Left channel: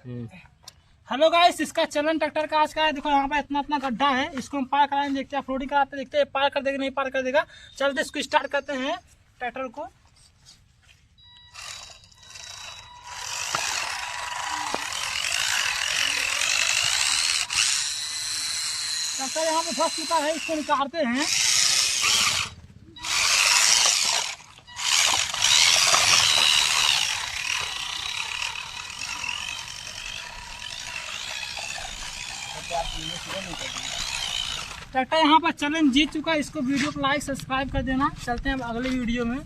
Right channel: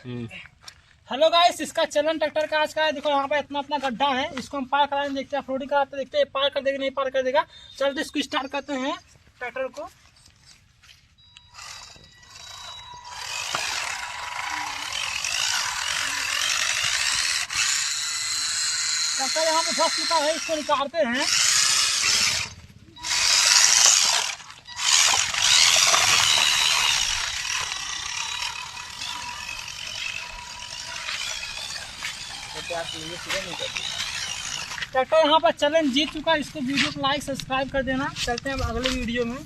Hello guys, इसका चलन tractor का आज का है। देखो यहाँ पे इतना इतना गड्ढा है, इसको हम पार कराएंगे, देखते हैं ऑफरोडिंग कराते, देखते हैं पार कर देगा नहीं पार कर देगा। चलते इसको स्टार्ट करते हैं ट्रैक्टर को। ट्रैक्टर यहाँ पे फंस चुका है, इसको निकालते हैं। ट्रैक्टर यहाँ पर चैलेंज जीत चुका है। इसको वीडियो को लाइक सब्सक्राइब कर देना। चलते हैं अब अगले वीडियो में।